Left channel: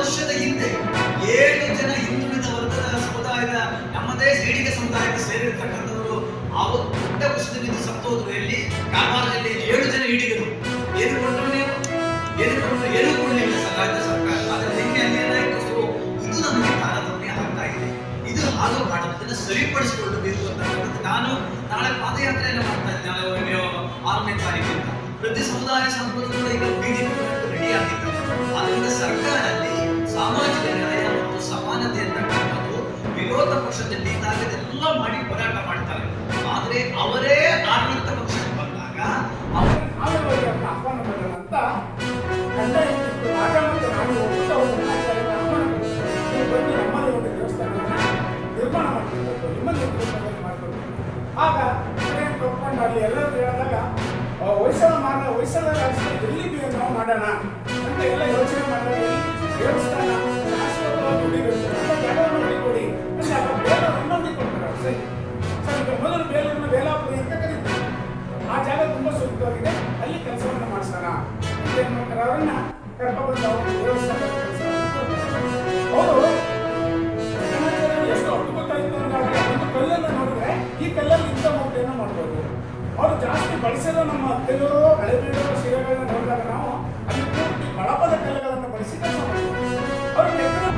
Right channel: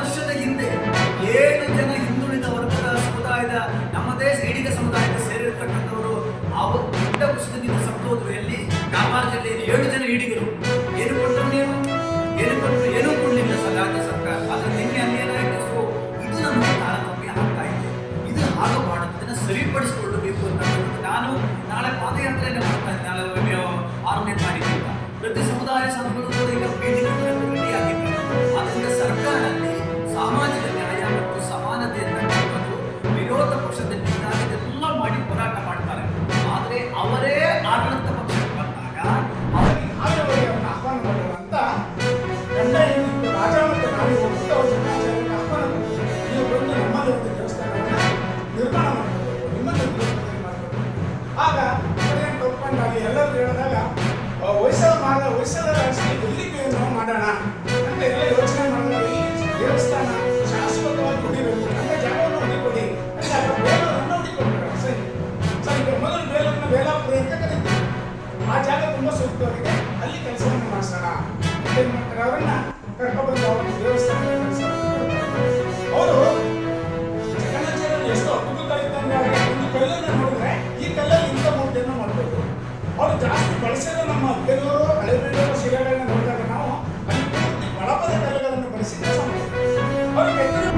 ವರ್ಷದ ಹಿಂದೆ 7 ಜನ ಹಿಂದುಳಿದ ವರ್ಗದ ಸಮುದಾಯದ ನಮ್ಮದೇ ಈಡಿಗ ಸಮುದಾಯಕ್ಕೆ ಸೇರಿರ್ತಕ್ಕಂಥವರು ಆವತ್ತು ದೊಡ್ಡ ಕುಸಿತದಿಂದ ಸತ್ತೋದ್ರು. ಎಲ್ಲಿ? ಕಾರವಾರ ಜಿಲ್ಲೆಯಲ್ಲಿ 7 ಜನ ಈಡಿಗರು. ಏನು ಕೊಟ್ಟರು ನೀವು? ಏನೂ ಕೊಡಲಿಲ್ಲ ರಾಜ್ಯ ಸರ್ಕಾರ. ಆದರೆ ನಿನ್ನೆ ಅಲ್ಲಿ ಏನಾಯಿತು? ಸೊ ಇದು ನಮಗೆ ತಾರತಮ್ಯ ಆಗ್ತಾ ಇದೆ. ಇದು ಹಾಗೆ ಮಾಡೋದು, ಇದನ್ನು ಸರಿಪಡಿಸಿಕೊಳ್ಳಬೇಕು ಅಂತ ನಾನು ನಾಳೆ ಪಾದಯಾತ್ರೆಯನ್ನು ಮಾಡ್ತಾ ಇದ್ದೆ. ನಾಳೆ 6ನೇ ತಾರೀಕಿಂದ ಪ್ರತಿ ಸಮುದಾಯ ಸಂಘಗಳು ಕೂಡ ಈಗ ಬೀದಿಗೆ ರೆಡಿ ಆಗಿದ್ದಾರೆ. ಆದ್ದರಿಂದ ಸರ್ಕಾರದಲ್ಲಿ ಸಾಮಾಜಿಕ ನ್ಯಾಯ ಮತ್ತು ಸಮಾನತೆ ಅಂತಕ್ಕಂಥದ್ದು ವಿರೋಧ ಪಕ್ಷದಲ್ಲಿ ಇದ್ದಾಗ ಇದೆಲ್ಲ ಮಾಡಿ ಹೋರಾಟ ಮಾಡ್ತಾರೆ. ಆದರೆ ಅವರೇ ಆಡಳಿತ ಪಕ್ಷಕ್ಕೆ ಬಂದಾಗ ಅವರನ್ನು ಆಹ್ವಾನ ಮಾಡುವಂತ ರಾಜ ಮತ್ತೆ ನಾವು ಆಹ್ವಾನ ನೀವು ಬಂದು ನಮ್ಮಲ್ಲಿ ಒಂದು ದೇವಸ್ಥಾನವನ್ನು ನಿರ್ಮಾಣ ಮಾಡಬೇಕು, ನಿಮ್ಮಲ್ಲಿ ಒಂದು ದೇವಸ್ಥಾನ ಮಾಡಬೇಕು. ಆಗ ಒಪ್ಕೊಂಡಾಗಿ ಎಲ್ಲರೂ ಹೇಳಿದಾಗ ಹೊಯ್ಸಳರ ಎಲ್ಲಿಗೆ ನಾವು ಮಾಡೋಣ ಅಂತ ಎಲ್ಲ ಯೋಚನೆ ಮಾಡಿದಾಗ ದೇವಸ್ಥಾನ ಶಾಶ್ವತವಾಗಿ ಉಳಿಬೇಕು, ನಮ್ಮ ಜಾಗವನ್ನು ಉಳಿಕೊಡಿ ಅಂದಾಗ ಬೇಲೂರನ್ನು ಉಳಿಕೊಡ್ತಾರೆ. ಸರಿ ಸರಿ, ಮೊದಲು ಬೇಲೂರನ್ನ ಬೇಲಾಪುರಿ ಅಂತ ಕರೀತೀವಿ. ಆ ಜಾಗ ತುಂಬ ಸೂಕ್ತವಾಗಿದೆ, ಅಲ್ಲಿ ಕೆಲಸವನ್ನು ಮಾಡಿಸೋಣ ಅಂತ ಏನು ಮಾಡ್ತಾರೆ, ಅವರನ್ನ ಕರ್ಕೊಬಂದು ಅವ್ರನ್ನ ದೇವಸ್ಥಾನ ಅವರು ಎಷ್ಟೋ ಅದ್ಭುತ ಇದ್ದಂಗೆ ಒಂದು ಕಲ್ಲನ್ನು ನೋಡಿದ್ರೆ ಈ ಕಲ್ಲಲ್ಲಿ ಇಂಥ ಮುದ್ದೆಯನ್ನು ಮಾಡ್ಬೋದು. ಅವರು ಜಾಸ್ತಿ ಬಳಸಿದ ನಮ್ಮ ಕೆಲವರು ಹಳೆಬೀಡರ ಶಿಲೆಗಳನ್ನ